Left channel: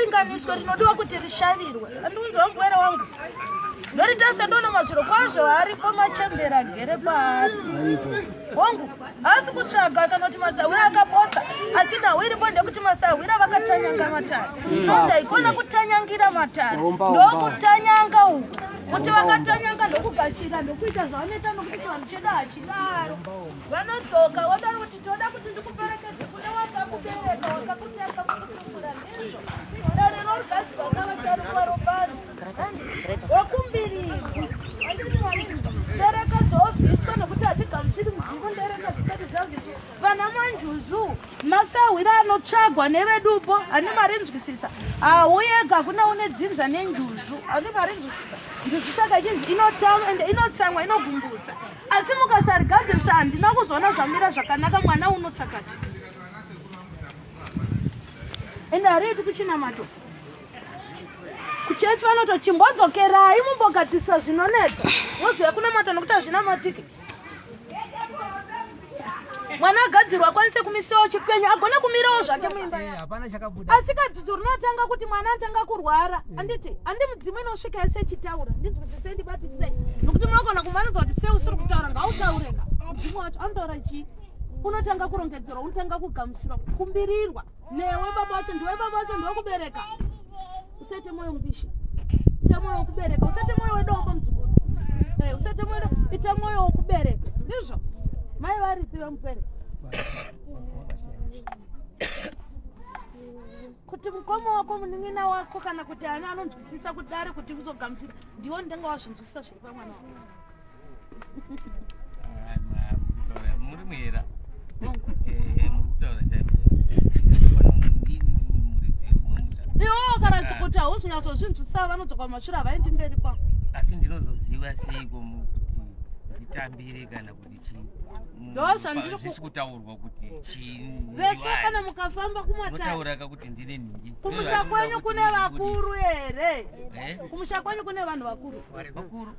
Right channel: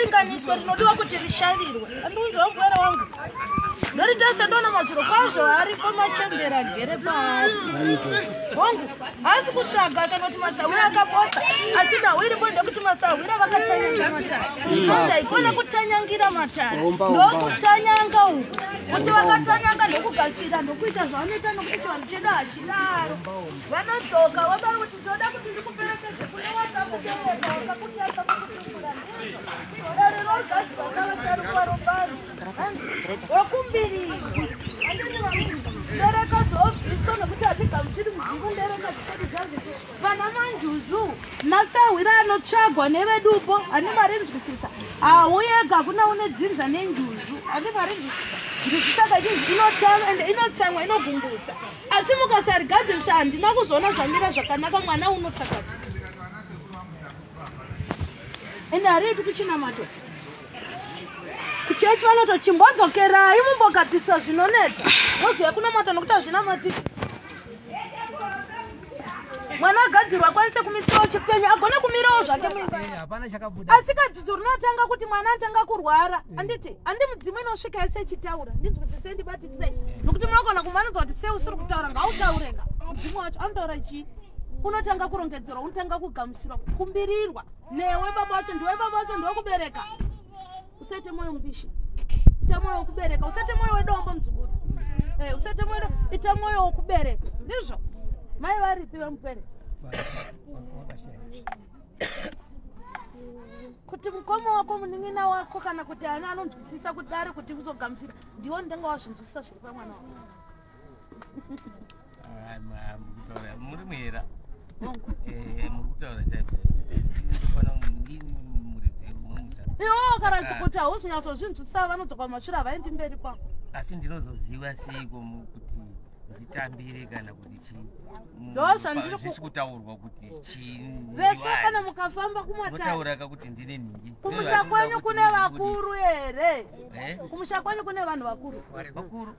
ringaniswa rinodiwa kuti rishavirwe. Andunzwa mubwere wangu. Noritasa ndona maziro kwazvo aripo machembera gere paari. Hongu, asi kutsvaga kana kuti masawira akapotsa. Asi nawiripo ndekuti masawira vakatanyanga matari. Anza ikona kutanyangira matari. Ndokutanyanga uku. Kuti vakatanyanga ndokugashira ndokuita zvanoita nokuti vanchida achidaro. Vanodzoka vodaro kuti toda kuti ndikuperekedze kune watakubereka wasakuti akakutumura ndizvo. Dare rogadzwa ngavasharuka robani. Wakumbiri. Ndereka dzobviswa nokuti hatigamuchiri mudzivo ndereka dzisati dzabviswa. Vana manjuzu masawira anotsvagwa nevedupo ane mari nzwisisa. Auyega kuna une dzinza nenjuzu ane mari nzwisisa. Ndisaka chinzi inotsamwa inogungudza. Asi mukasarigadzirisa handina kuzoona zvamira zvakanaka mwana unotsakati. Ende haridi kuchinamato. Kuchechi vanotochimbodzokerai mumbogadzirisa zvinonetsa. Moziva kunamata nokuti hazvinamatiki. Mwana agadzirwa akwanise kumisiwa chipenyu agona kumirawo zvake muimba. Asi kadzidzi rinotanga kuti mwana atanga kurwara. Anditi handi mudzimu inosvika yese ichitaura. Ndinzwisisei ndibatisei. Nokuti munogona kumanidza kuti sei usiri kutaura ngautaurega. Mudzimu wacho anotaura chii? Unotanga kurongedzerwa, unotanga kugamuchirwa, kukumbirirwa. Newe baba wacho ndiwe baba wacho ndiwe kubereka. Usete moyo mbishi. Ita moyo wokubereka, usete moyo wedombo mdzukuru. Usete moyo ita moyo wokubereka. Ndizvo. Mai varipi vamupere? Kuti mukoma wako munin'ina wako kana kuti ana anonzwisisa kuti ari kuti uzogamuchira ndiwo ndanga wazvinzwisisa zviri pamwana wako. Muri mwera. Iwo kana kuti hauzonatsozvinzwisisa vanodzoka mumashure havaendi mberi kwangu. Asi ndinozoziva seiko kuti nditambire kana kuti chii. Zvisi kutaurwa kuti chii. Vese kana mukafamba kumatari. Notaura kuti ndine nhingi. Kumusha kwenyu kune vakuru here. Kumusha kwenyu kune vanhu vakuru. Vakuru?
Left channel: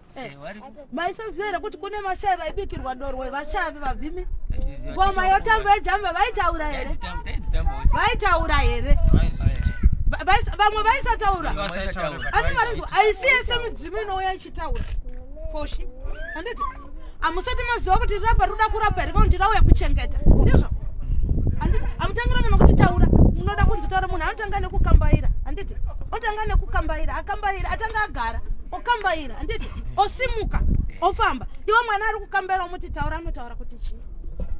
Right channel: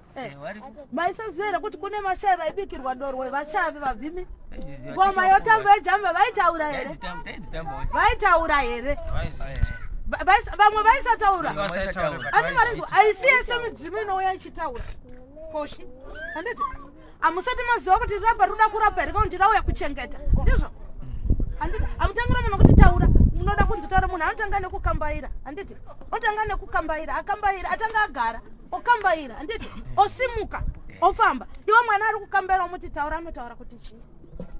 Maisaziva here kuti kune mashavi vaibikirwa dorwe vashavi vabvimi. Ngoma yotamba yejamba vaitaura here. Vaitaura here. Vamwe vaisataura. Ani marinzwa aisi yese midzimu inouya ichitaura. Koshi. Handiti amusati maziva kuti raba ruda kurapa here kuti rauya kuchengeta. Ndizvo. Handiti amutangira munhu kuti taura. Munoda kunzitaura munhu anotanga nekukambaira. Handiti otanga nekukambaira, akambaira atanga agara, okambaira. Handiti osimuka, ofamba. Iwe mwana ari kukambaira umuti taura anotaura kuti chii.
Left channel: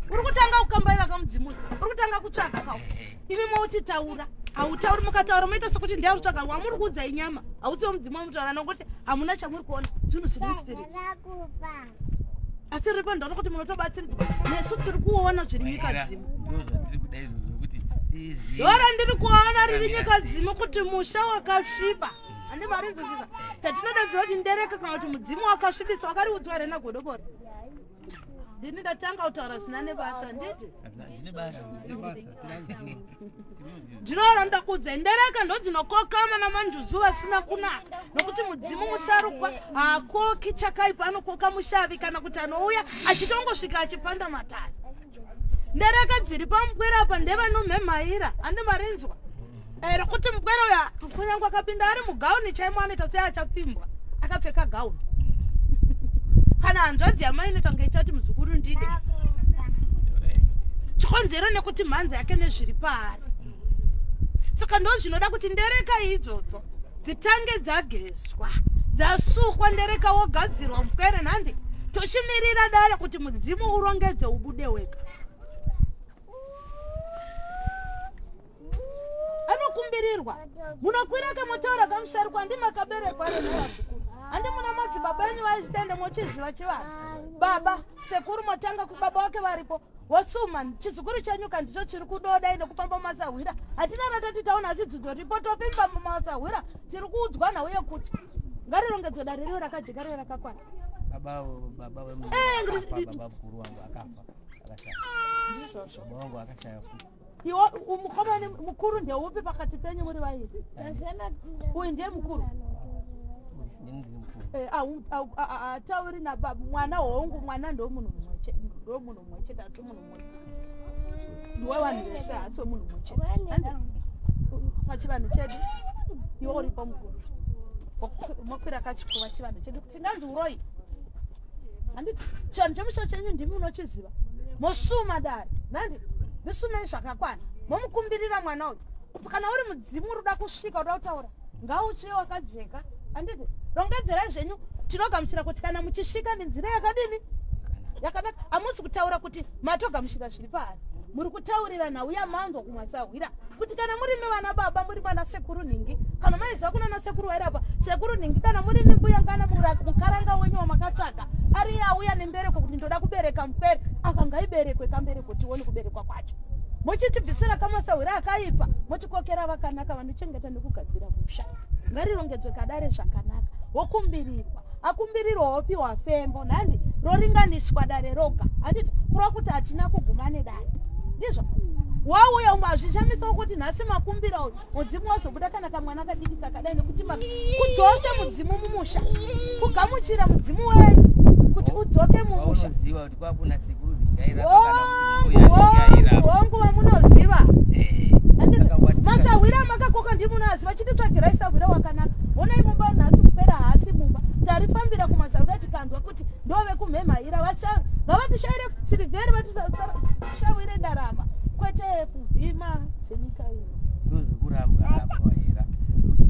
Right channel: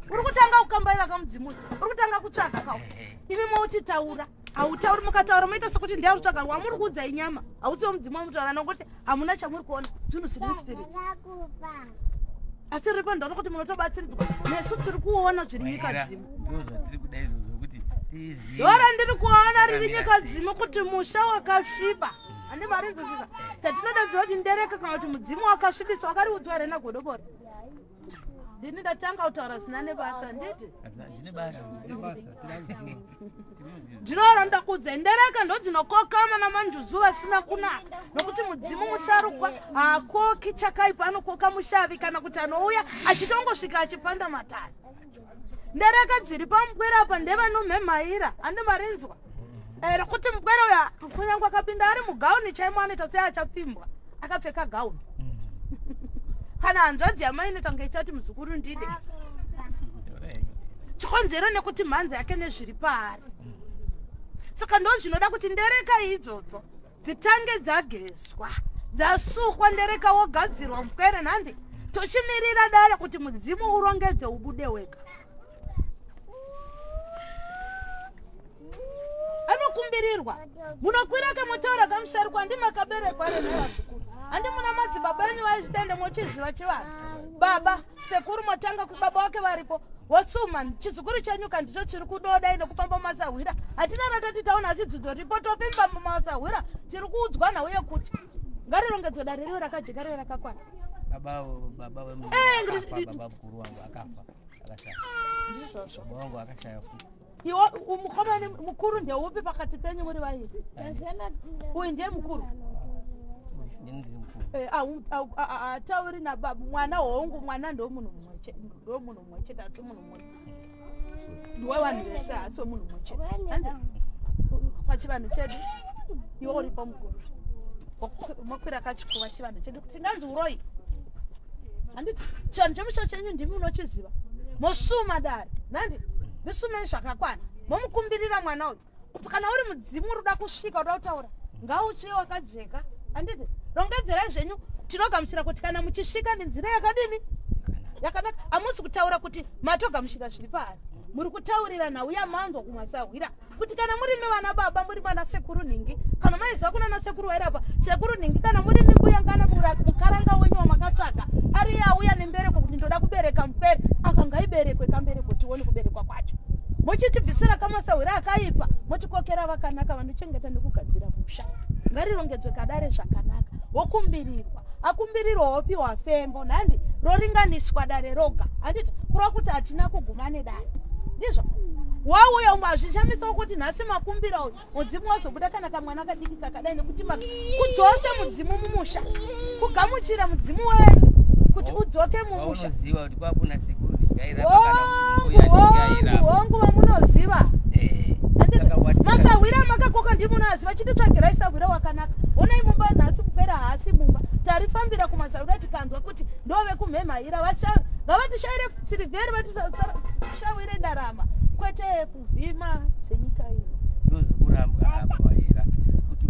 Uri kutanga kukambaira kamudzimu. Uri kutanga kutsvaga kawo. Imi mauti taura. Hautauri mukataura moita sekuti ndiye kutsvaga wamuri kuudza inyama. Hausiwo mudzimu wamutaura nokuti hamuna chamuri kuona. Zvinhu zviri spirit. Asi ripo ndaona kuti munotobatsiridzwa. Nesu tiri kuona zviri nyika dzimu. Yora ndiri kuona riri nyika dzimu kuti musha wakasviba. Handi mari nzwisisa. Tatinodadziwa kuti ndereka kana kuti mudzimu wakasvibiswa wakariudzwa here nagodobori. Ndini ndatanga kutaura zina nebasa nditi. Ndine basa. Ndinoona ndakudza ndereka ndodzinokokama namanjuzu vasina kunaka. Nokuti mudzimu musharukwa hakoki chakaipa anokoka mushavi kana kuti anouya achitongosvika achipanda matari. Ndereka dziri pamugwera apa ndevanomhemhaira handi marinzwa. Kuti mugwera uya kunyange akapinda ari mugauni chaimo anoita sei achapfimbwa akapfeka gauni. Kana hanzvadzi yamai inoita ichati muzukuru ndide. Chikonzero nekuti mhanza yake nezviri paari. Saka ndo zvinoda kuti ndereka idzodzo dzitange dzagezwa, dzasukwa ndereka wogadzirwa mupere nhandi. Tochimirira dare kuti mudzimu urongedze ubude wega. Anokumbirirwa. Munokwira kamotaura kamusharukwa handi makaberekwa remazukuru. Handi muna madzibaba enyu vaizvitende mochiziva chivanhu. Baba, sekuru motanga kubaba wake varipo. Wasuma chizukuru chenyuka ndicho chiri kudoda ine kufamba mumasahwira. Hatina ratati taona asi dzidzo ripo topimba mumasahwira. Tiri kuudzwa nauye kuti ngarirongedzwe dare riyo rakajeka riyo rakakwana. Baba mukuru wangu akafa. Akashaya. Ndizvo. Baba wangu akashaya futi. Iwo umukomani mukuru ndeupi pakati penyu muri vairi? Uyu ndiye mukuru. Tauri na baba mwana hongu mwana ndo munhu mumwe chete asi munhu mumwe. Ndiwe vanhu vese asi munhu mumwe chete. Pachivanhu chedu iwe uri pamukuru makwira kachikuva chivanhu chedu kuti nganzi uroi handiti chanhu chemusha chenyu ndimi unochiziva mosuma dare nandi ndisumei zvakakwana momukumbirira mwana uyu kuti kana uri mudzimu uruda kusvika uda kutaura ngauchiwe wakajeka handiti rongedzerai zvenyu tinogamuchira kuti kana muchisvika nenzira yakadini yakanaka hamusi kutaura kuti matogamuchira zviri pasi muri kutaurira nauya manzwa kumasahwira kuti kana muri mevana baba muri vana sekuru ningi kana maiziva kuna nasekuru vairapa sekuru ningi kana muri mimbuya ngana mukaranga wenyu wamakatsvaga ari auya nembereko kuti ndoda kubereka mupere akanga iberekwe kambereko tione kuberekwa kwacho mochitibvisira kamasahwira akaipa mochikokera vakanaka vanochengeta nekugadzira musha ngarirongedzwe kadare zvakanaka wokumbirirwa akumbirirwa wopiwa fembo nhandi roringaniswa dare roga handiti kureva kuti hatina kuguma nedare ndizvo wauya umwe hazvichamisa kuti nhasi makumbira uyu mudzimu wazobuda kana kamwana kadiki kakadai nekuti kudzose mudzimu mumusha kugamuchira mudzimu wenyu kuti udzoke mumusha hongu vamunoziva masahwira makakoka ndimunoziva chititsvagirai sahwira wakanaka onai mumba nhasi kupera hasi mumba tarifambira kumasahwira tikanzwa kuti ndove kumhemhaira ngavatishayire sirivheri vatishawire ndarama kwete kuvhima senyika ino ndozvekurambwa apa waira kuti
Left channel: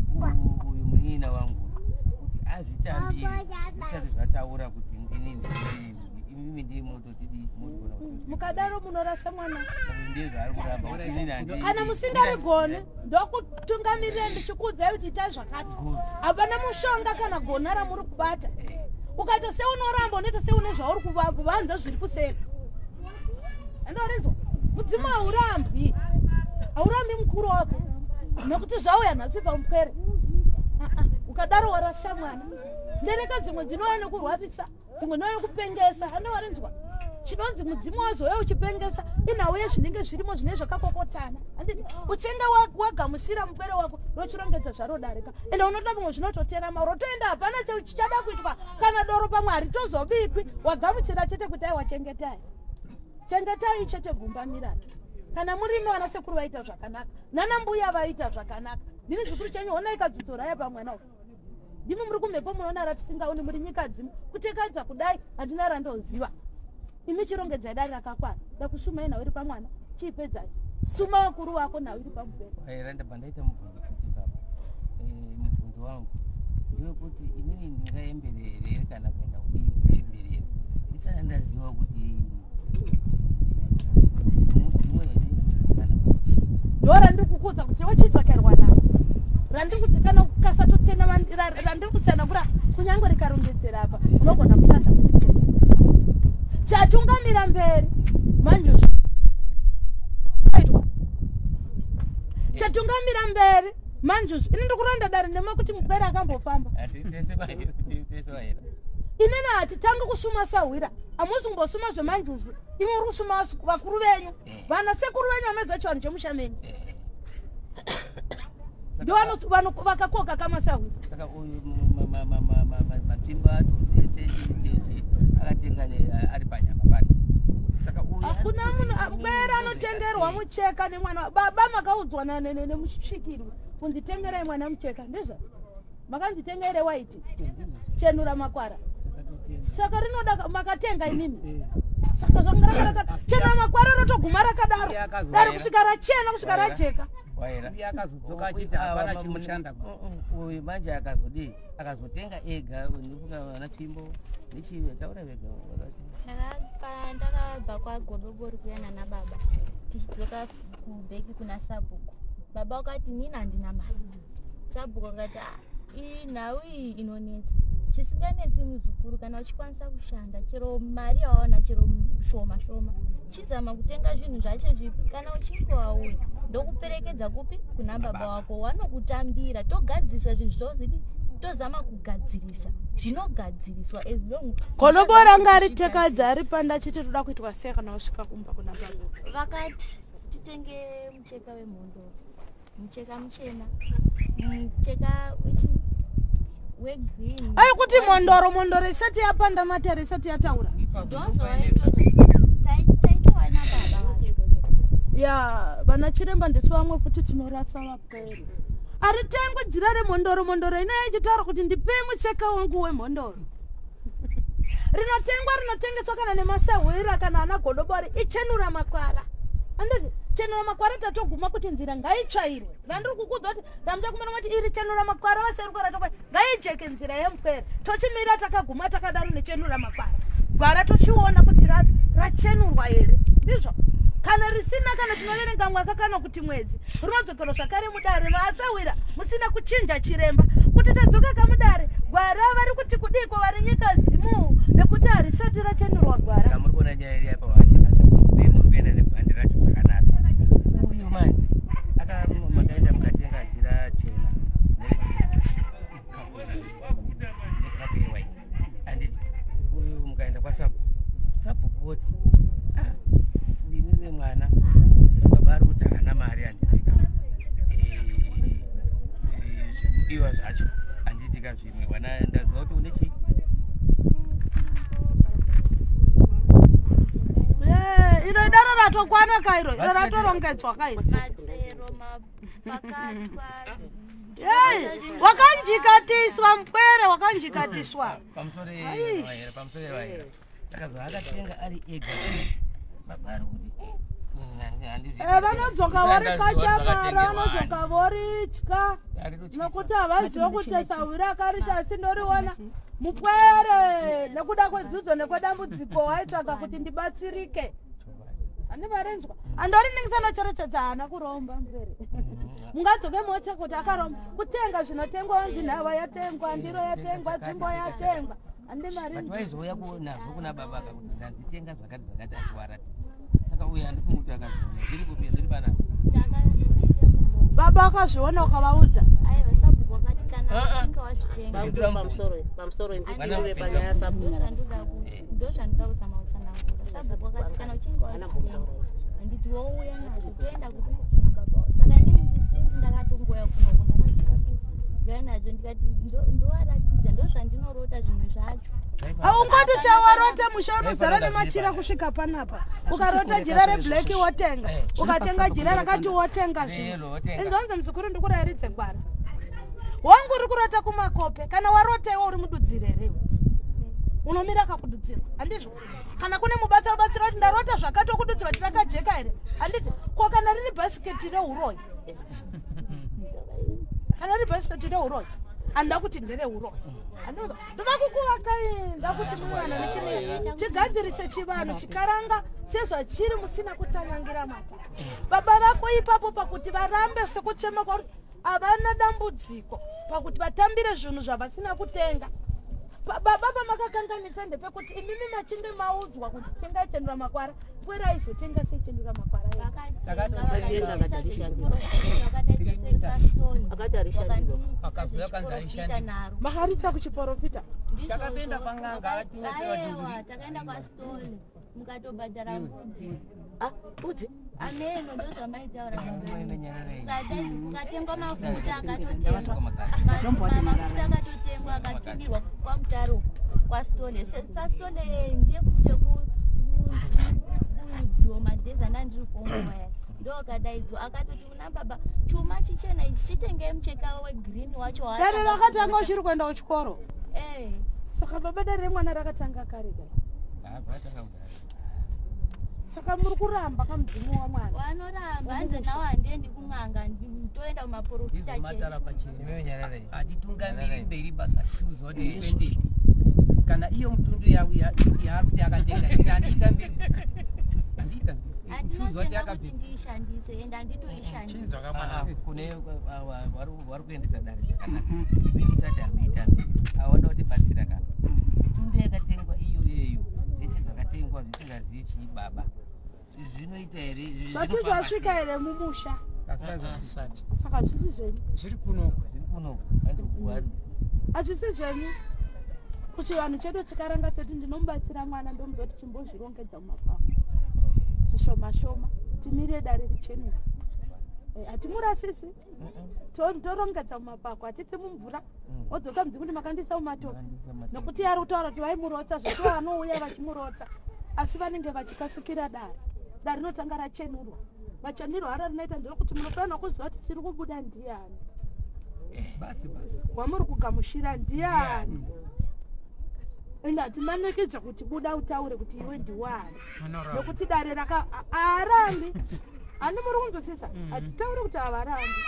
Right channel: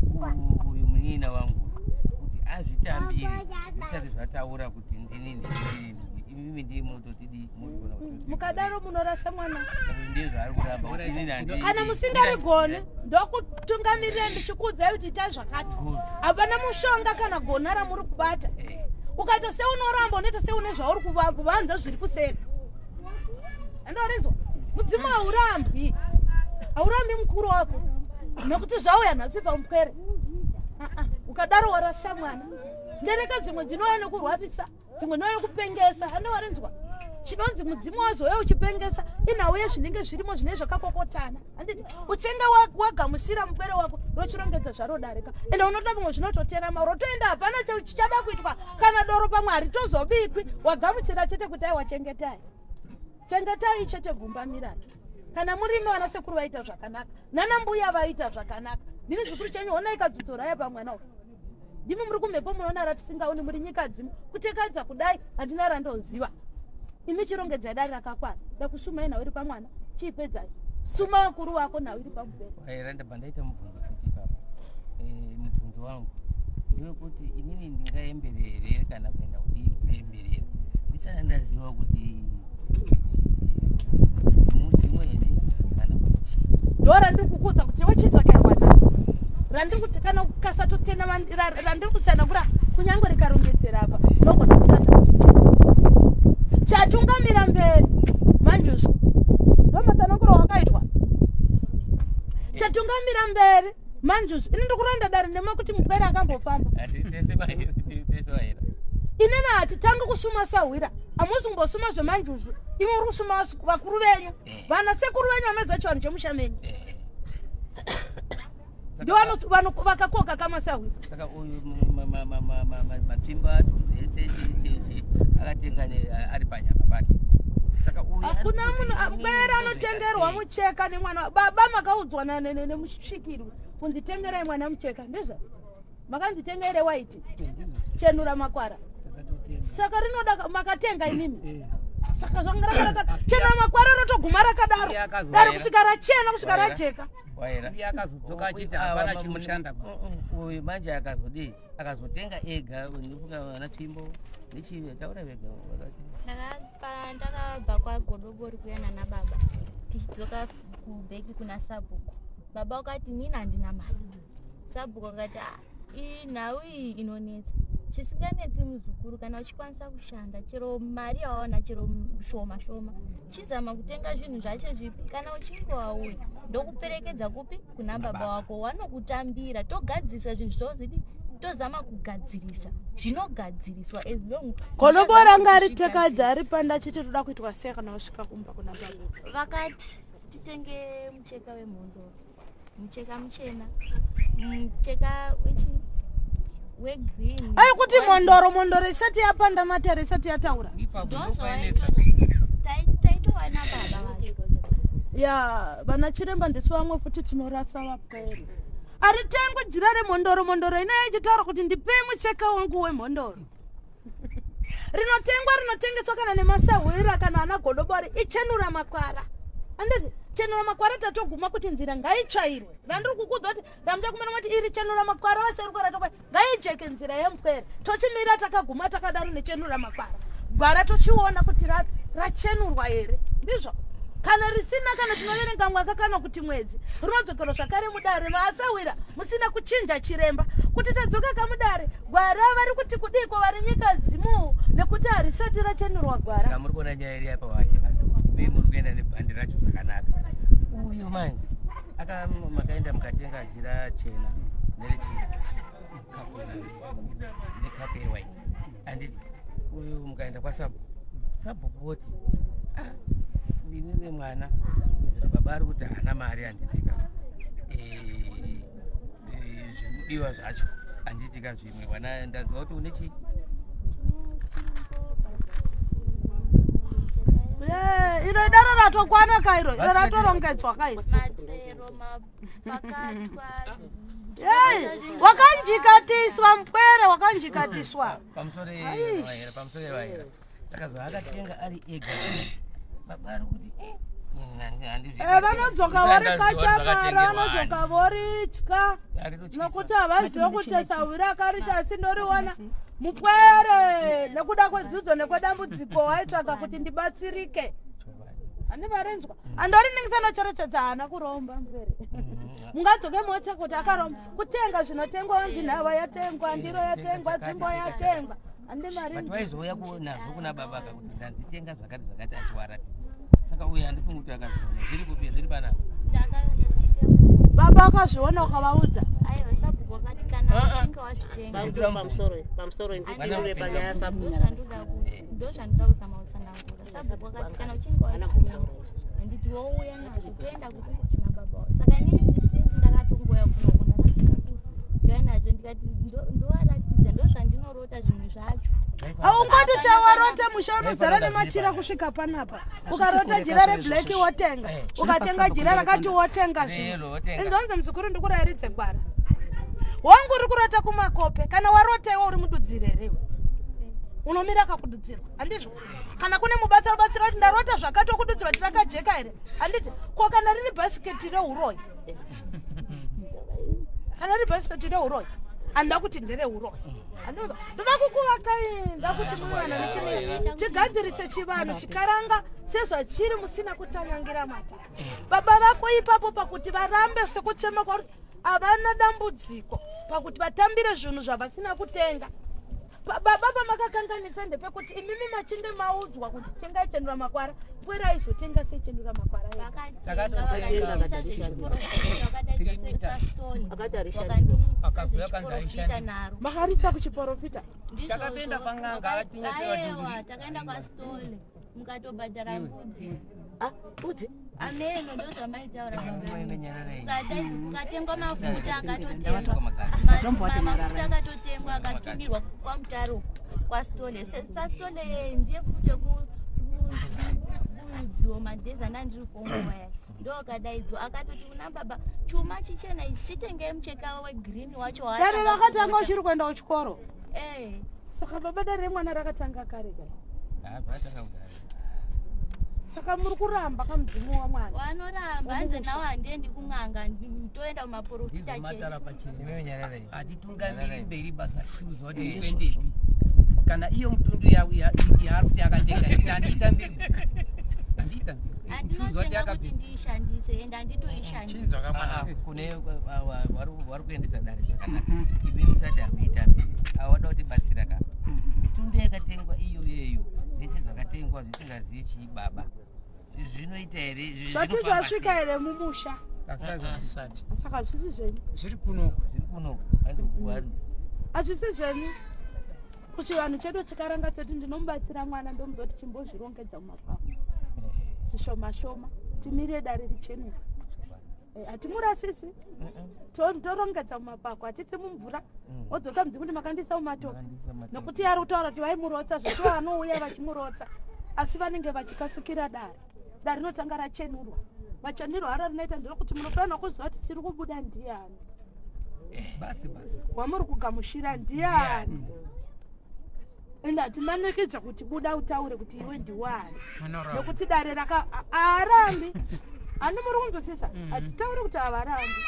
uyu munyina wangu kuti azvitambiri zvisati zvataura kuti ndinini imi ndiri mototidi mukadaro munorasa mwana ndezvaari kuramba kana musingarigoni ndokutungamirira ndichikuudzai kuti ita zvakati hapana mushonga kana gona ramuri kubata ukaita seunoramba unoita seune zvauri kuvanza zviri kuseri andorinzwa mudzimu haurambi mukuru wako nekuti zvauya nhasi pamupwere ukadaro warasa mwana ndereka dzimwe dzinouya nekurwarisa dzimwe nouya nekupengesa andowarinzwa chinonzi mudzimu wazouya uchipengesa inhauye zvinenge zvirimo zvine zvakakokotana handiti uchenge wagamusira mupwere wako rochirongedza zvarodarika ende unoda mumwe zvinototerama rotoenda hapana chichada kuitwa kana doro pamwe haritozobikwi wagamuchira chete kuti ai wachengetai chengetai chete gumba miratu kana murime vana sekuru vaita zvakanaka nana mbuya vaita zvakanaka ndini zvikuru chenyu ona ikadzidzorai pamwana uyu ndimi muri kumhepo munoona ratisingaoni muri nyika dzimu kutekadza kudai handina randoziva imi chirongedzai dare rakakwana dakusumai nhau iri pamwana chiipedzai suma wakuru wako nhau iri pamubhero wairandabva ndaita mubvunzo kuti papa mubvunzo wangu ndewekuti inini ndingaemberere kana kuenda kudii kuemberera ndisana ndaziva kuti dzimwe here kana kuti chii ndo randiri kukudza kuti iwe chitsvakerwa nao randiri kuti kana ukasatotena randiri kutsanangura kunyange rikarongedzera apa unogona kutadza kuti chatungamira mberi manjuzi ndomatsanangura wakaitwa chatungamira mberi manjuzi ini ndikuranda dare nemakuti mupwere akambofamba inena hatitanga kusuma sahwira hamusi kumbosuma zvemanjuzu imi uri kusuma vakuru venyu vana sekuru venyu vamedza chivanhu chemushamenyu ndio vakakoka kamasahwira saka uyu matimba acho ese akatenga ari panyama pake saka uyu hakuna munhu bera anotengerwa mucheka nemwana baba makaudzwa nemusvikiri kunzitengerai mwana mucheka ndizvo makanzitengere waiti chenura makwara saka rinoda makatenga imimi saka zvangaraka chena makwara rotoguma rakadaro dari kusvika rachena kusvika rajeka akazodzoka achiti hapana chimushanda uyu manje akazodii akazotenga ega vana tsvimbo nechitaura vega ndakabva kwagodobori kuyana nababa tichidzoka kubheki kuna sabhuku baba wakati nini handina mari sabhuku akati nhau iyi inonetsa chisinganetsi muzukuru kana uchikwanisa kushanda chero mari yawaona chero shoma shoma chizama kutenga zvinhu zvacho zvipi kana uchinge wauya ndokuperekedza kupi kuna baba wako wanokutambira togadzirisa zvinhu zvozidi tozama kugadzirisa zvinogadziriswa as long godobora ngaritekadza ari panda chiti toda kuitwa sei kana wasvika kumba kuna baba vakati titenge mucheka wemhondoro mucheka muchena mucheka wegreen ai kuti mondoro isati yapanda matare isati yataura taitowana baba vacho ya vana chiremba ndiso vamwe futi tinorasa vapwere aritengwe jira remondoro mondoro ina ichitaura kuti ndipe mucheka wangu wemondoro rinotengeswa kana nemasahwira kana ana godobori ichenura makwara anditi chenura makwara tatoguma kuti nzira ngaitsvairwe ndandiri kukudza kuti ndamucha kumena kuti iri chenura makwara vaserukora tokwa ngaijeke nzira yemupwere tochimira takaguma takadaro nechenura makwara gwara tochiona kuti rachenurwa here ndizvo kana risina kana tinoverenga mwaka kana kuti mwedzi rinodzokerwa zvakare mudare vaasawira musina kuchinja chiremba kuti tadzoka kamudare gwara vari kuti kudiko vari nyika dzimu nekuti harisati rachenurwa gwara saka muri kuona nyaya iri apa waina muri kuenda nebhandi racho zvakanaka uyu manje makaenda mukatenga jira chena nekapu yewhite anditi uyu mukaenda kwasabhokoti ndiveve mwana baba ari kuti hana mari handitika zvimudiwa zvacho handitika zvimwe wana ndadza kuti une chii iro idaro ratokwana kairo iro ratorongedzwa kairo wakanjikatiswa mpwere wakanjikatiswa pamusoro yevaira saka zvaakatenga ari ega baba ari kuti vanodzoka vari kachamara vanodzoka voritya nokuti havaziva kuti sahwira akarita asi ndoriwana mupwere nekuda kwedzidzo nekwedambudziko waitsvaga kuti ndibatsirike handi varenzwa andori ningisanocherechedza hana kuromba mpwere mungadzoke mota kuti akaromba kutenga zvinotengwa wanzi nhava yatengwa ndiro yatengwa tsvimbo yatengwa handi varizwaizoya nazvo kuna baba akakuti ndanzitenga zvakati zvakati achiwaratidza saka uyu handifungi kuti akazviona zviri kupi zviri panapa baba akazviona ukavaudza aiva sabhuku wakati kana uchinge wazvitenga pamusoro ndizire panyaya sabhuku ndo zvandoda kuzama kutsanangura sabhuku wakati kana uchinge wazvitenga handiti wouya nazvo toenda kupi kuna baba saka inini sinzi ndakatongoya kunoko ndakasvika kuya nazvo ndikati ndowaratidza ndo zvandinorota zvimwe zvacho aungoti chawarota musha unozara nemachira kusvika panapa ukarota jira reblack wotenga ukatenga jira rakati wotenga zvino inzonzi muzukuru ndikurayiridze gwara wangu uri kurota kumakope kana warota iwe uri mududzirerewe unomira kakududzirwa handizvo kana kune mubatsira kuti ndarota zvakati okududzirwa tirakajeka here handiti ko kana riri bhasiketi reuroyi kana riri bhasiketi reuroyi handa kuti ndereuroyi ndoda kukuvakai kuti muvana nechinei tigadzirise chivanhu chikaranga sezvachiri musina kutanyangira mata baba vako ipapo pakuti varambe sekuchema kwakuti havana dambudziko pakuti vatambire zvinhu zvavasina kutenga baba pamakakanganisa ndepekuti imimi machinge maudzwa kuti tengai chendura makwara pwera aizotenga sechendura makwara makarita kuchiprofita takapenda pang'anga takaenda pastole mukatobhadhara mbudzi ameno ndo zvamaitaura ukatengwa mafuta akatotengwa akatibirwa kwamutaro kwastole sastole ndiye futi ekuudziwo madhezi andandiri kuongowaya ndokadaidzwa akatoti kuna baba chuma chichena ichi chitengei mucheka wegirini wacho dare rakatanga uchiri kuenda kuchikoro saka baba dare remwana rakatanga kare kare saka muri kuramba kamudzimu wamwana vanoramba hanze nawo handiendi kun'anga toenda kumaprofita hatitungamiri mberi basa tisiudzwa kuti twendei kana iyo mutundu yaari kuti akatenga ini handiita mberi handinotenga kuti ndiishandise ende handitoishandisa kune vari kuendesa dare zvakanaka imi musati hamuita mberi awada kuti batsira kana mitundu yakatengwa iyoyeyo zvese zvakatengwa zvisingazivi chii baba zvinoita here zvati zvasvika here mumusha saka zvisi zvenyu zviri kunoko hazvisi zvenyu kuchivanhu chedu chikaranga cheti ndinomubatsira mwana ndomuzoti chimbozvirongedza mumakwavo zvishoma shoma timire dare richenura hatimurasisi torongedza mumakwako hatisi mumvura wodzoka mudzi kuti makandisa mumatoka nokuti yari kutaura kuti vaimurotsa zvekuti vanouya vachimurotsa asi vanenge vachikasikira dare rinotanga rachenurwa machenurwa aro rinoita ndiro kuti munofanira kuziva kuti tiri kubuda ndiani basi wamuri kugamushira ndiani ende hatimanikidza kuti buda utaure kuti iwe ndiwani nekuti dare haarambi handimuri kunzwisisa hatitauri kuti havarambi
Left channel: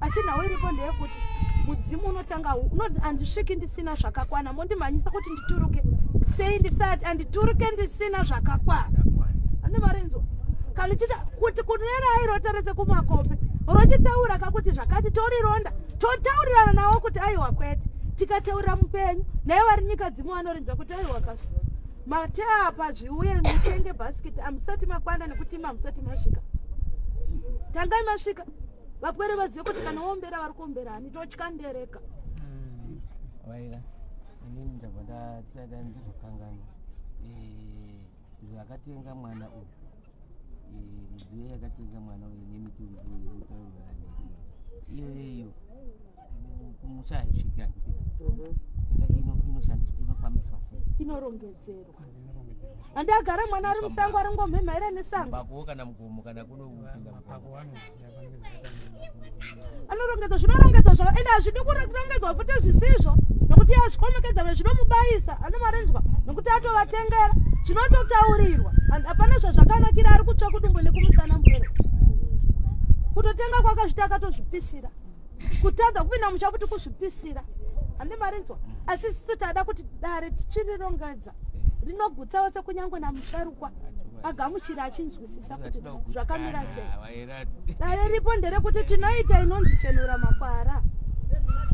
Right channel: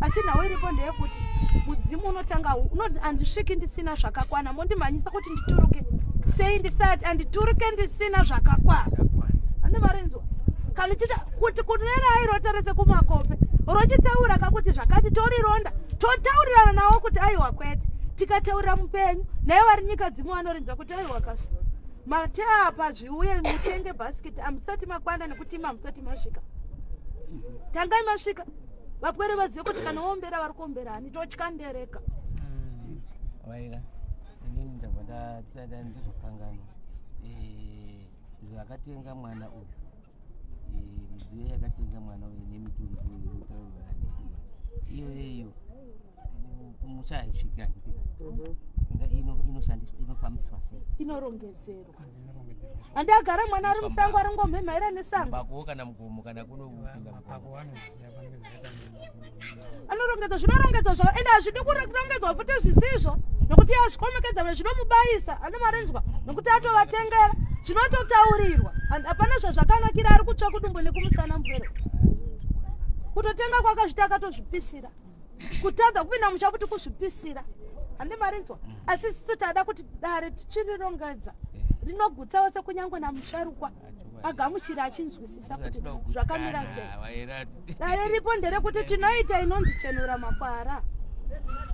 asi nhau iripo ndeyekuti mudzimu unotanga handisviki ndisina zvakakwana mondimhanyisa kuti ndituruke sei ndisati handituruke ndisina zvakakwana handimarinzwa kanichita kuti kunerai rotaredze kumakope rochitaura kakuti zvakati torironda totaurirana nawo kuti aiwa kwete tikataurira mupenyu naye vari nyika dzimwe vanorinzwa kuti aiwa kasi mateapa zviuye mutenge bhasiketi hamusati makwana nekuti hamusati masvika tangai masvika vapwere vazive kuti kana wombera vari kuomberani totyandereka Waira inini ndabva ndatsada ndizokangana zvakatenga mwana uyu midziyo yakatenga mwana uyu nemitundu iyo kumusha haisviki handitika inoshandiswa inofambiswa sei inorongedzerwa handagara mwana ari musango ari ngomhemhaira nesango bapo kana mugomo kana kunopinda anorongedza zvinorongedzwa zvavo ende hazvidi kurongedzwa futi zvisizvo nokuti azvikomekedza zvinomubayisa anomarenzwa nokuti atovatengera zvinototaurirwa hapana zvazvakanakira ari kutsva kudumbu nekumusana mupero kutotenga kwakazviti akatozvipisira kutadza kupinda musha kuti kuzvipisira handimarinzwa asi sisu tada kuti dare tichirirongedza rinogutsa wose kunyange namusharukwa agamuchira achinzwisisa kuti zvakamira sei dare ripo nderekuti tinoita inonzi chenura makwara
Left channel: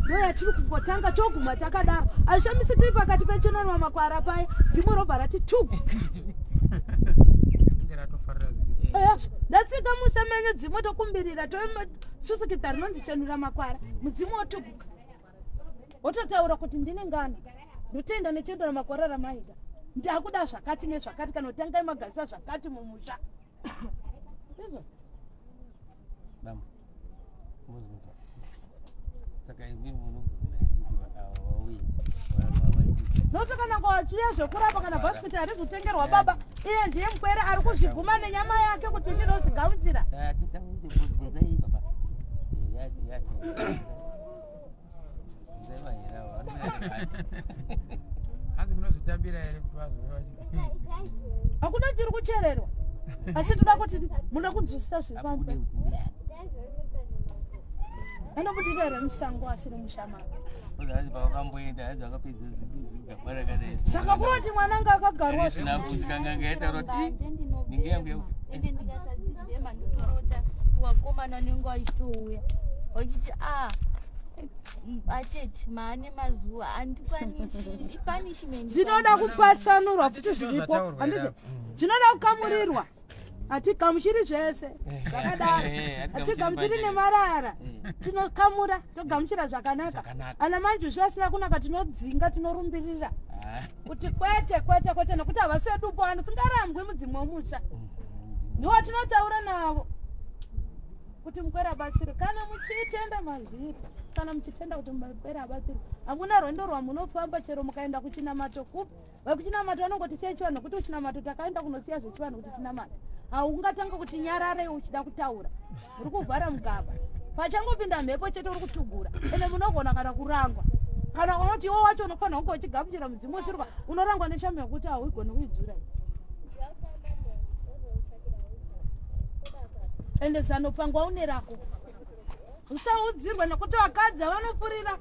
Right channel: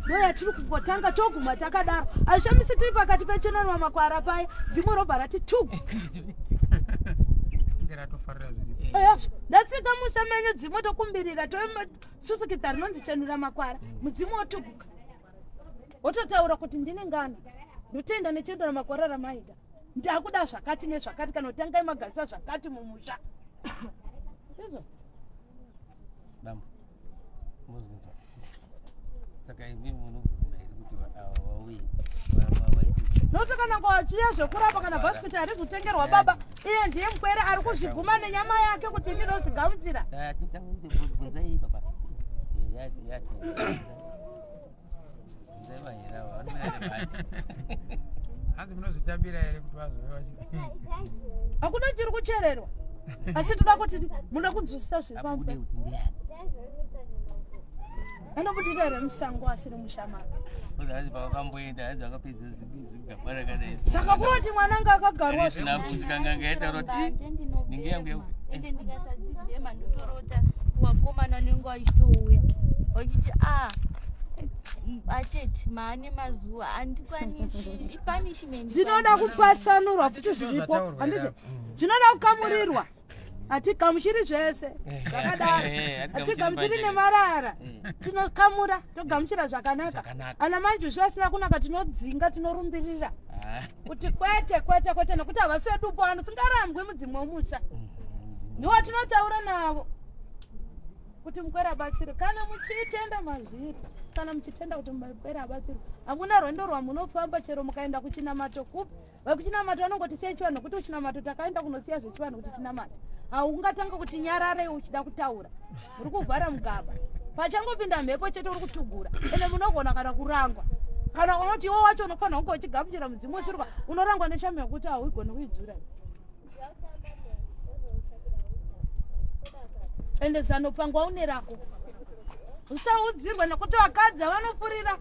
ndoyatiri kungotanga toguma takadaro hazvishamisi tiri pakati pechenura makwara paya dzimwe robva rati tu ndatsika musamenyo dzimwe tokumbirira tosusukidza rinonzi chenura makwara mudzimu wotuguka wototaura kuti ndine ngana ndotenda nechendura makwara ramaita ndakuda zvakati nezvakati kana utangai magarisa zvakati mumusha izvo bamba muzvinzwa saka imi munobvuma iri kuti wauye nokuti kana kwachiya zvekurapa kana bhasikiti harizotengerwa baba iye ndiye mukwere ari kuzviguma nenyama yake kuti ndinozvigamuchira titangibvunzai baba hanzi munozvitambira here kuti vazovewa hakuna chiri kuchererwa asi toda kuti muda kunzwisisa zvepamwe anobudirira remusango asiri mushamana saka kuroti mwananga akagarwa ende ndikasadzibhema ndotorota wakomana nengu achitouya wachiti atete maane mazuva handikwanisi punishment zvinoda kupatsanurwa futi zviripo handiti zvinoda kukamurirwa hatigamuchiri zvese zvakadaro hatigamuchiri nemarara tinokamura togamuchira zvakanaka ana manjuzvi asina kunaka tinodzinga tinorumbirira kuti kwete kwete kwete nekuti havasi vedupo vano tingarambwe mudzimwe womusha ndiwo tinotaura navo kuti mukwere abatsirwe kana muchitenda mazviri kana muchitenda kuti mukwere abatsirwe hamuna rwendo rwamunofamba chero mukaenda kuchinamato kupi vekuchinamato vanongoti siya chivanhu nokuti kuchinamato takaenda kunosiya zvechivanhu kuti tinamata haungatanga kuti nyarare uchida kutaura uri kuvhara mugaba pachangopinda mhepo chete uri kutugura ende munogona kana kurangwa kana unoti iwo wacho unofanira kunge uchigamuchira mudzimu usirwa unorangwa neshame yekuti hauigoni kuidzura ende zanopangwa unerako usaudzirwa nekuti vakadzi vanofurira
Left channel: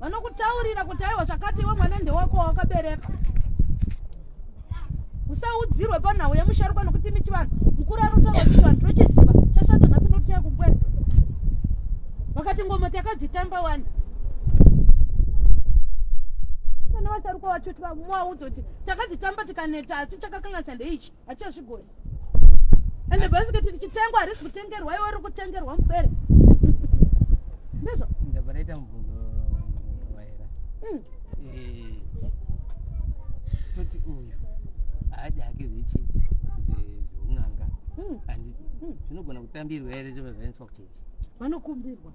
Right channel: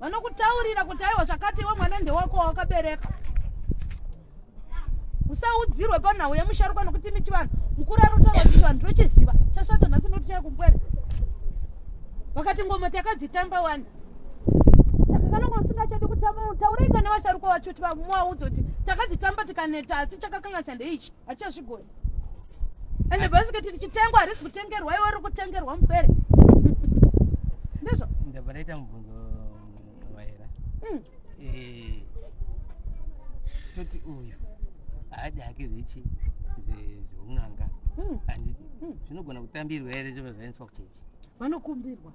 vanokutaurira kuti aiwa zvakati iwe mwana ndewako wakabereka usaudzirwe panhau yemusharukwa nokuti michivanhu mukuru anotaura kuti vanhu tochiziva chasvata nhasi notichaya kumbwera vakati ngoma takadzitamba wani saka kanonga usingachadi kutamba taurika nevasharukwa vacho kuti muvaudza kuti takadzitamba tikaneta asi chakakanganisa ndeichi hatichazvigoni ende bhasiketi tichitengwa harisi kutengerwa iwe uri kutengerwa mupere ndizvo ndabva ndaita mubvunzo Waira toti uyu haadi hake zvechi zveun'anga handiti zvinogona kutambirwa here zviva zvaendeswa kuchechi vanokumbirwa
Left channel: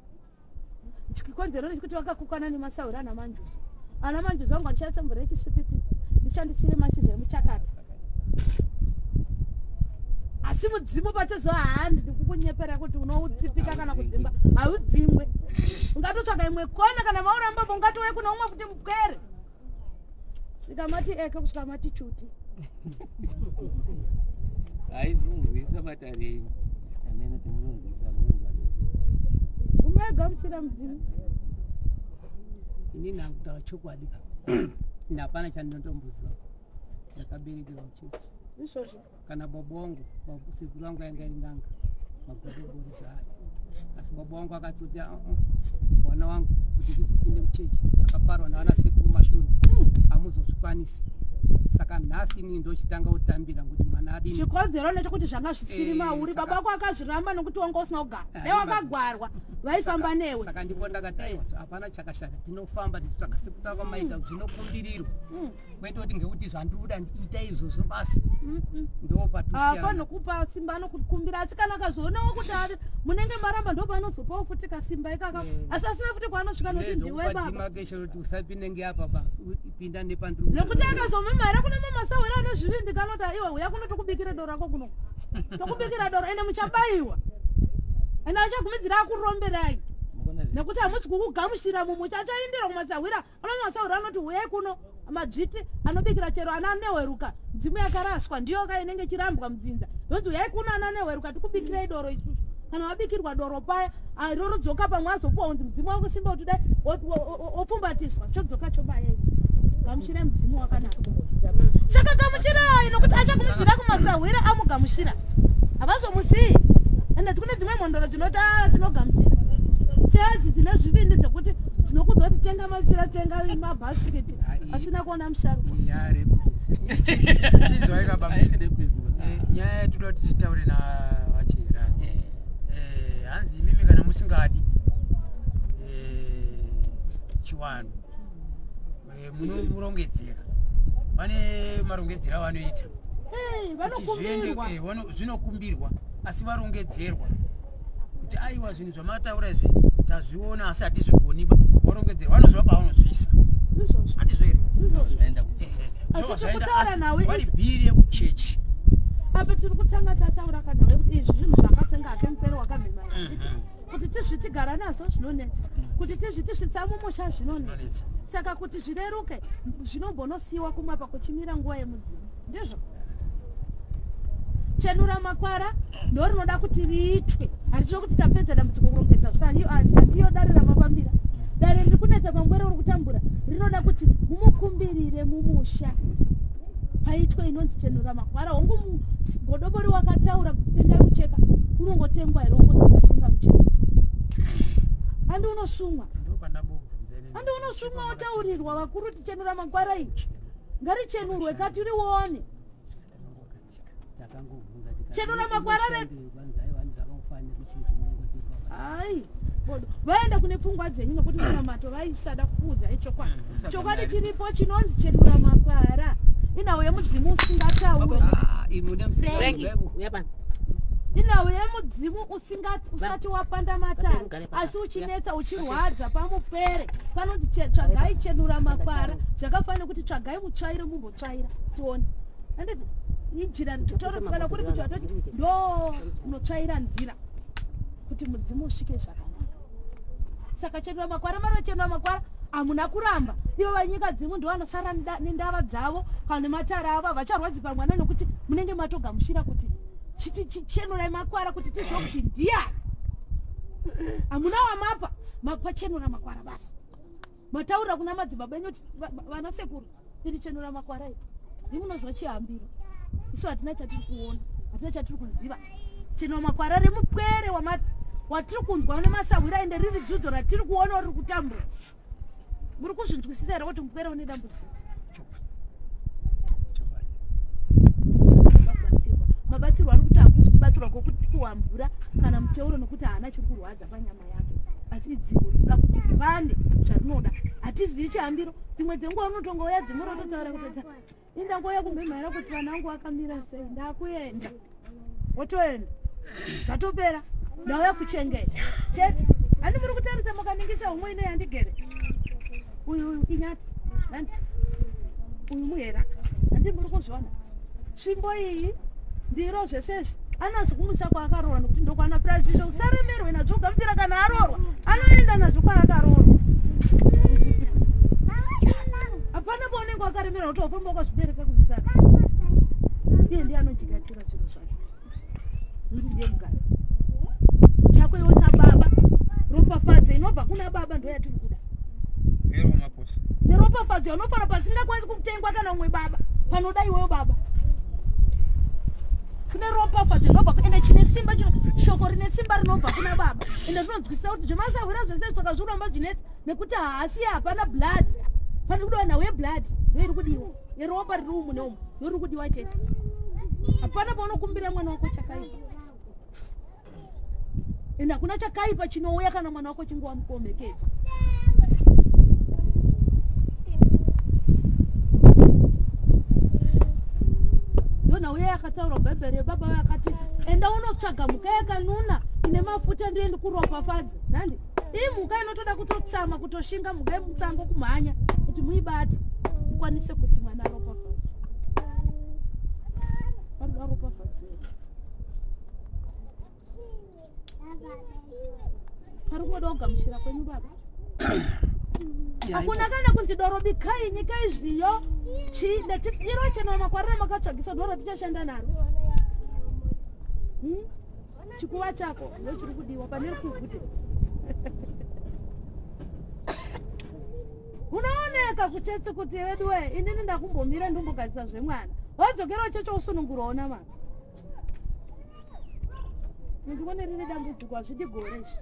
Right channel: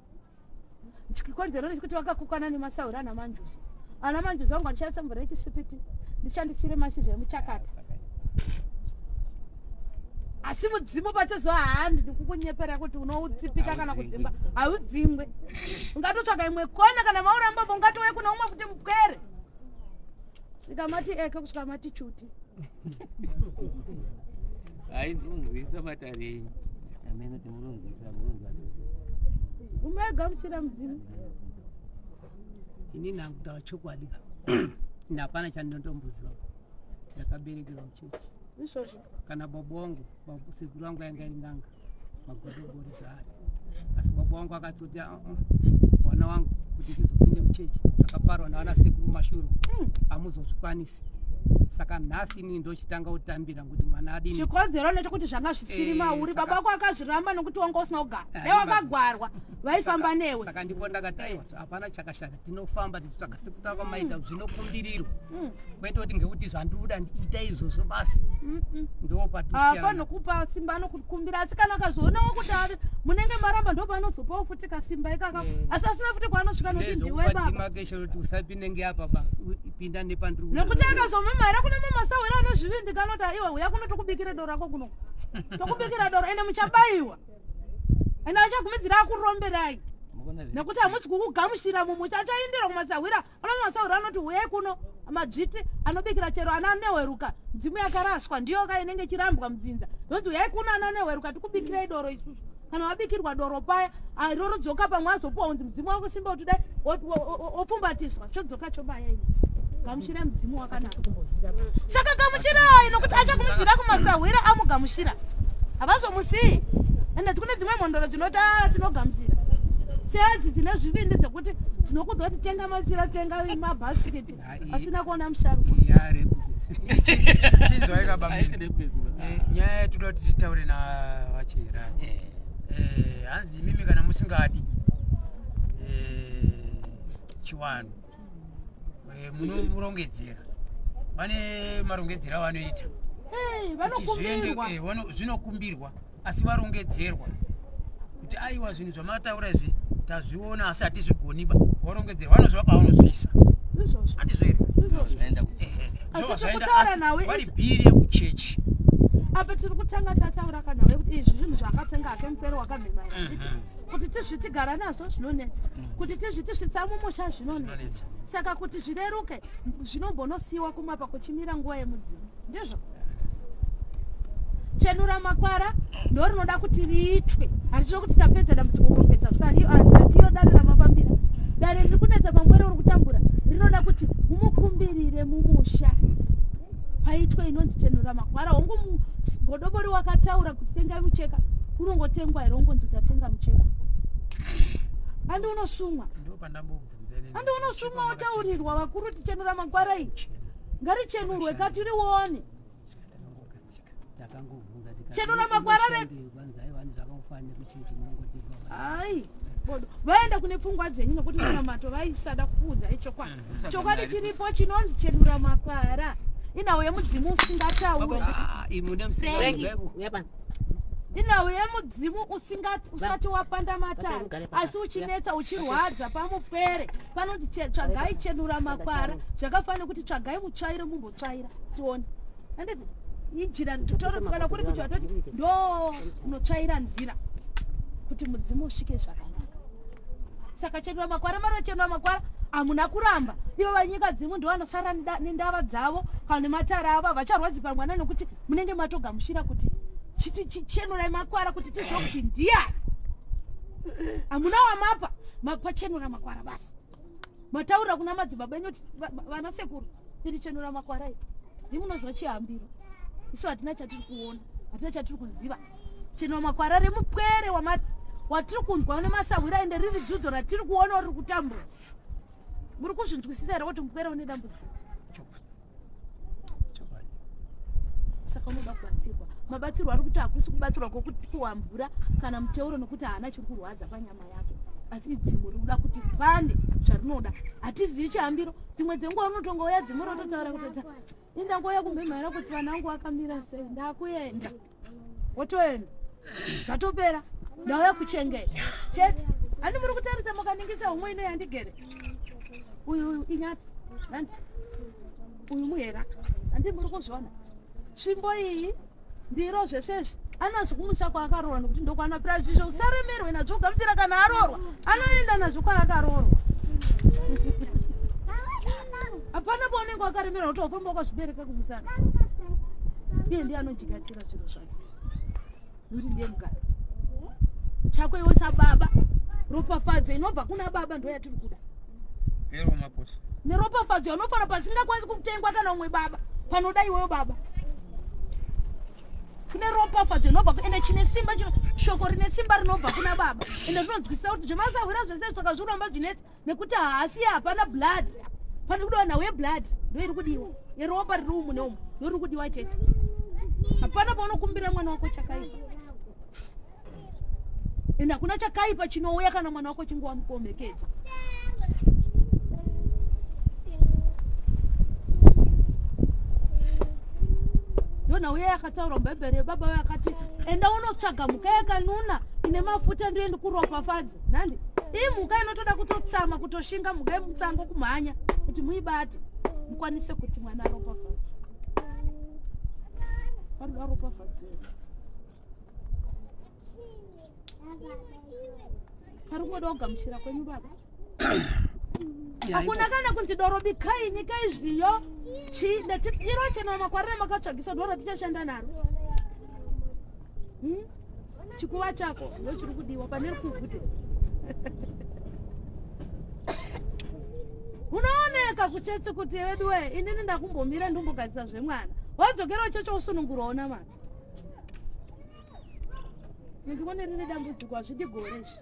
chikonzero nechikuti vakakukana nemasauro ana manjuzi ana manjuzi vangu andishandisa mvura yechisipiti ndishandisire mashizha emuchakata asi mudzimu pachezo handi ndikukunyepera kuti unoutsipika kana kudzimba haudzimwe ungatotsvaga imwe kona kana mauramba ungatowe kuna umwe kuti mupwere zvikamati eke kusvika mati chuti ndinonzwisa matare enyu amene timurunzisa umegamuchira mudzimu ini nakutaura chokwadi ina hapana chandinotomboziva ndakaberekerwa muchechi izvozvo kana baba wangu sekuru wangu yanga iri nganga magodobori zvaari asi baba wangu akatoti mwana wangu kuti ndizopinde muchechi akaparwa navana sekuru mashuru hamuzozvikwanisi saka nhasi inini ndochitanga kutambira kuti mwana adini chikonzero nechekuti zvanga zvisiri mauri baba wako akazviramba nokuti wanga usina kugara dai wakagwarwa vaifamba newe saka ndipo ndakati aiwa hapana chakashata tinofamba tichitsvaka sekutava maita zvinokumbirirwa kwete kuti ngekuti zvandiuda ndiita izvozvo basi ndopafani nokupa simba anokukumbira asi kana akazoonawo kuti ari munenge maramba ndopanozopawo futi kasimba ikaka asi asina futi kwaanosvika nokuti ndiwe babamakeshoroti usapinde ngeapa pinda nepandiri nekuti akazomemara kuna mamasawera anezvivindi kanoti aiwa uya kunotokubikira doro rako kuno tokubikira doro ende muchabayiwa ende achagumidzira akuromberai nekuti hamudzi kukugamushira mumucha achaindira kumasawira ana mamasawira anoti uyai kuno madzviti anobikira chero ana aneweruka dzimu yakaraswa ndiyo ka inenge chirambwa mudzinza yonzi uyai kuno ana aneweruka tikubikirai doro isusu kana wabikirwa doro paya rorodzoka pamwe azopuwa unzi mudzimu wako simba kuti dai opfumbatiswa chodzoka chobayai gamushira mudzimu wakanaka saka gamuchirai nokuti achakumudzira kumasawira amugamushira havazomusii ende tikune dzimwe mhondoro dzinoti tinogamushira sedzi dzine zvivindi dzekuti tinokudza kuti tenga matsira tenga mabhasiketi asina kuona musharuka chinzwai kabambi nyaya yatinoda kuti titaure navachera hanzi imimi kana musingadi chiwano munomurongedzera vane marongedzero avanoita zvinokumbirwa asi varongedzerwa kuti aiwa zvinhu zvamataura izvi tazviona asi hatizvigoniba varongedzerwa vanozvapa vanozvisa handizvo here vari bhiri yekuchechi apa tiri kutanga tataura kanawe kuti izvi zvinhu zvakatenga hake mupero wakamhemaira kuti tizvitigara nazvo zvinonetsa kuti tizvitisvitsa mumusha zvinonetsa saka kuti zvireruke zvinombonosiyiwa kumapa kuchimira nguva yemudzimu ndizvo chenura makwara ndo rinoda kuti riitwe haricho kuti tapedza dambudziko kurongedza zvika dare ramapambira dare riri kunetsa pambwere uri kutambura rinoda kuti mumukumbirire mumusha paitwe inonzi chenura makwara hongu godobori wakataura kuti tengai mucheka unongotengwa here ungonzi ndatenga mucheka handi unosumwa handi unosumwa wataurirwa vakuru kuti chenura makwara iyi ngarichenurwe kati rione chenura makwara ai vaenda kune pfungwa dzenyu nokuti munamato vaisada kuudza ichokwadi chokwadi chiripo chinonzi chenura makwara inawo yemudzimu usingatauri inawo yemudzimu usati wapanda matara asi uchinetsa uchirwadza pamupere panonzi tsvagai chenura makwara zvakafanira kuti tsvagai mutsvaire mumbotsvaira tione anditi ijira kana kuri kuti watoti ndo unotsvaira nzira kuti mudzimu usvike zvakanaka saka chenura makwara marochenura makwara hamuna kuramba ivo vanyika dzimu ndo vanosara nendava dzavo kana nematara avo vacharwadzi mwana nokuti munenge matogamushira kuti chitichenurai makwara kuti tizive kuti ndiya hamuna wamapa mapachenura makwara basi mataurira kuna madzibaba enyu vana sekuru iri chenura makwara iyi ndimunozwa chihambiro isu hatina chatiri kuona hatina chatiri kuziva chenura makwara remupwere watiri kunzwa nemasawira ende riri dzidzo ratiri kuona riri kutambura muri kuzvinzwisisa here kuti mupwere une dambudziko mabatsirwo ari kuti hakusi kubatsirwa kwokuti kuwambura kana muteuro nokuti haana chiri kurwadza panyama yake asi idzimbo rinoda kuti ripande zvarinoda hatizivi chihambiro dzimwe dzenguva unotongouya dzimwe rototaura kuti indangouya kumhemhaira kuti vanangu vakamira sei ndakuenda wotoenda zvatopera ndauya kuchengeta chete handi muri kutarisa mukaningisa umwe ino yandigere uyu inyati handi uyu muhera handi muri kuzviona tsvimbo iyi ndiro zvesezvi Anazvo kumusa kwaakaroorwa nokuti ndokwana prachisho usaremerwe nazvo gamuchira kana aroorwa anoenda nazvo kwaakaroorwa. Hapana paunenge wakaremerwa kuti wafamba wakazvibereka kumusana. Iye ndiye anojigatira zviro zvake kuti ndiye mugari chako iwe sababa. Ropafadzo inobva kuna baba ndo yatiri kuda. Neropafadzo unofana pasingakwanisi kutengwa kana umwe baba panoda iweyo baba. Kune ropafadzo inobva ende chine simba shoko rine simba rinobva kuna baba. Ende zvinonzwisisa kuti zvemasahwira zvese saka zviromba zvinetsa nekuti haasi hapana blood. Pane kudiwa nawe blood ndo iri kudiwa. Yeropa riri umu neumu ndo iri kudiwa chete. Hapana paunokumbira mwana wako chakaipa. Ende hakuna chakaipa chinouya kana mwana wako chinge wamukomekedza. Yona uye akataura mubhebhere baba we akati enda unotsvaga mhuka yakanuna ine mafuta ndoendi kuropafadza. Nandi iyi mhuka inotoda kutotsama kutoshinga mhuka yemusango kumhanya kuti muibate mukwanise kuti mwana aropafadza. Paroda ropafadza. Parungoda kugamuchira kwenyu baba. Hakuna kana kunzi doro bikai nyika izviyo chi ndati iro chena makwarira makatsvagisa doro tichashanda naro. Chikuva chako ndo chiri kudiwa pane rikuvhute. Unooneka kutete kuti wedwe inini ndakumbomira ndombogadzisa zvemwana. Wadzokera checho usununguraona mwana. Ndikuone rine dambudziko hazvidi gore izvi.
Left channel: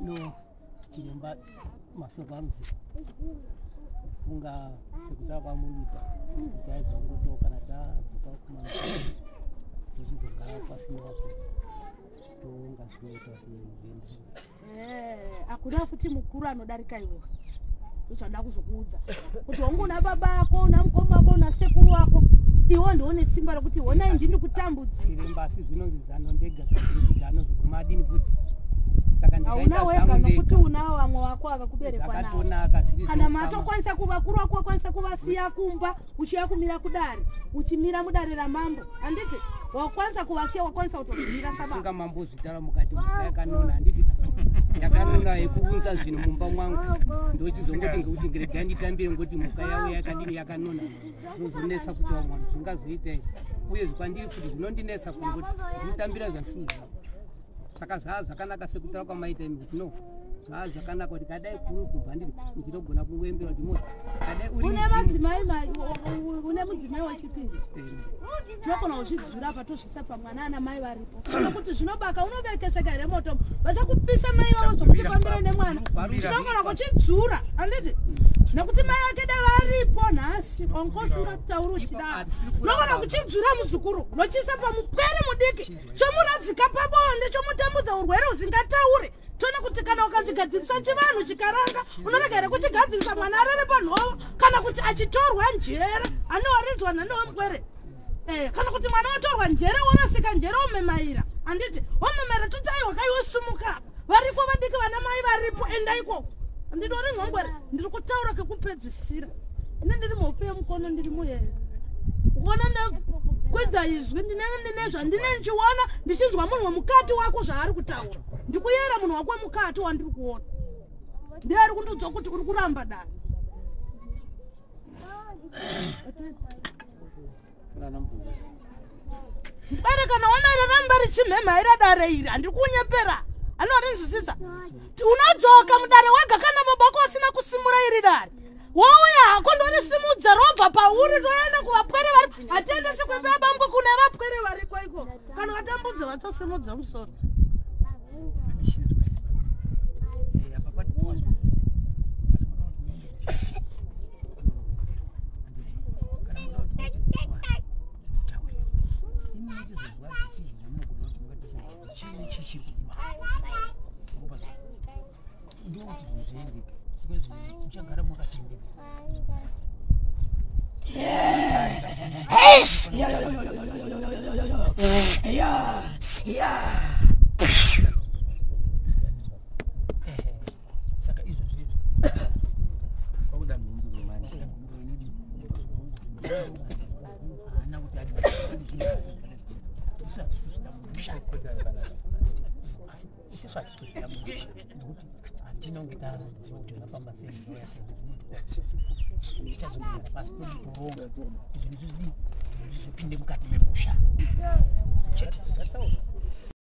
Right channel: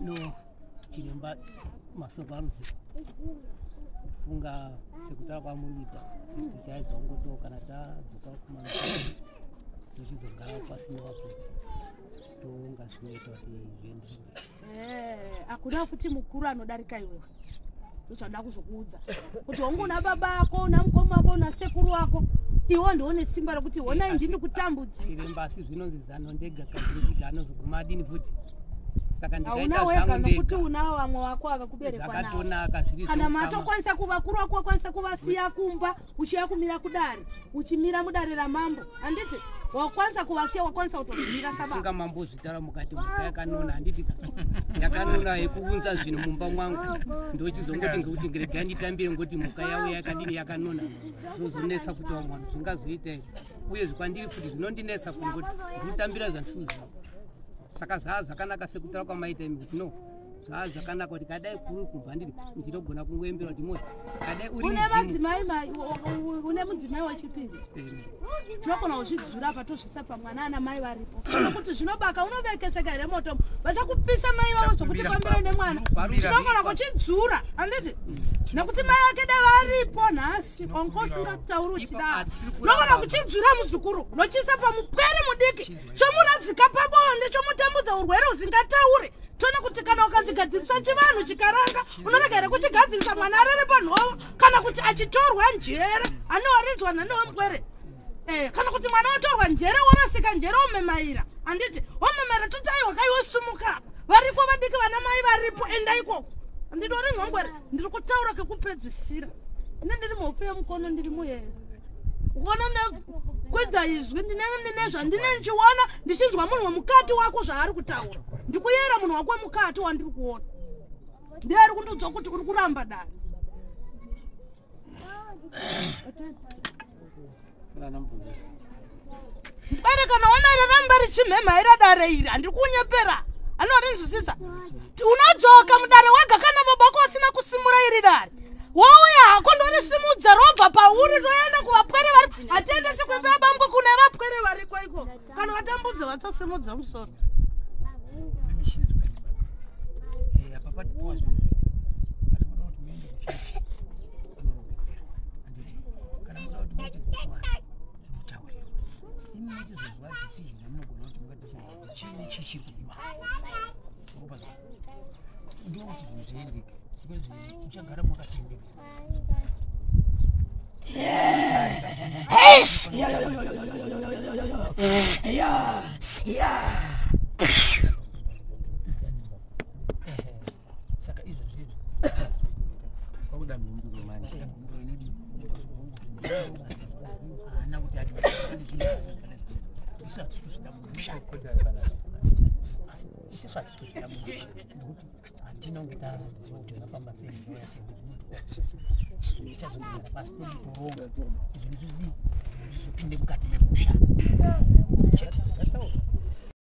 No, chiremba masoko aruzivo funga sekuta kwamuripa tichaedza kungotoka kana tadzoka kumana tichizogara pasina wapo tonga zvinoita kuti zviende. Hakuna futi mukuru anodarika iwewe. Ndochada kuzokuudza kuti ungona baba ako una mukoma wako una sekuru wako iwo ndione simba rokuti wona ndini kutambudza. Chiremba asi zvinonzi zano ndega kuti anozoguma adini futi. Saka ndikaita zvangu ndega kuti unawo vamwe wako akakuberekwa nawo. Zvakatonaka zviri. Kana matokwanisa kuvakuru wako wakwanisa kuvasiya kumba uchiya kumira kudare uchimira mudare ramambo handiti wakwanisa kuvasiya wakwanisa kutozvimira sababa. Funga mambo zvitara mukati mhuka yakanona handiti yakanona yekuunza zvinhu mumba mwangu ndochizongoti ngekuti ngeregai nditambire ngoti mhuka yawo yakadini yakanona zvozonetsa kuti mwana zvingazoita uye zvipandiri futi zvinondinetsa kuti ndinotambira zvandisiuziva. Saka zvakanaka sekutaura kwamaita imi kuti no zvakanaka kuti kadai kuri kubva ndiri ndinogona kungoembera kuti moyo kadai uri une mudzimai wechipiri tinogona kuzvidzura patozvisa pamwana ana mai varipo kuti zvinobaka unovekeseka here moto vachakupisa mai vavo zvokuti kwambira nemwana tinogona kuchidzura handiti nekuti mai vake da varipo nhasi ongosingatitauri uchidaro unogona kuchidzura muzukuru nochisa pamupwere mudiki chomuradzika pabonde chomutambudza urwere usingataure tona kuti kana ukanzigadzirisa chivanhu chikaranga unorega here kuchigadzirisa mwana arere panhova kana kuti achitorwa njere anowarinzwa nanewemupwere kana kuti mwana watorwa njere worasika njere omemaira handiti omemaira totaiwa kaiwosumuka varipo vadiki vana mai varipo enda ikoko handidori nhongwere ndiri kutaura kekupedzisira ine ndiri mhofu yemukono ndiri muyere kuona kwedza izwi ndine zvandine ndichiona ndichinzwa munhu wemukati wako zvaari kutaura ndikuyera munhu wako wemukati wandiri kuona ndiye ari kundiudza kuti uri kuramba dani. Mbere kana ona raramba richimhemhaira dare iri handiri kunyepera anorinzwisisa unadzoka mudare wega kana baba wako asina kusimura iri dare wouya hako ndorisimudza robva pauri toenda kuvapwere vari hatiendesi kwembe yabambwe kune vapwere variko iko kana vatambudza vachasimudza musoro. chini chiri kudiwa ndio kuti zvinhu zviendeke because uchagara mwakatendeka saka izvo zvizvo kwakuda mhinduro manje haana kuti isu hatisi kuzvida musha isusu hatisi kuzvida musha nekuti hatina kunge taziva kuti vakafamba sei zvauya sei ichazogara pasi toronga zvinhu zvizodii zvizopinde mukati memusha chete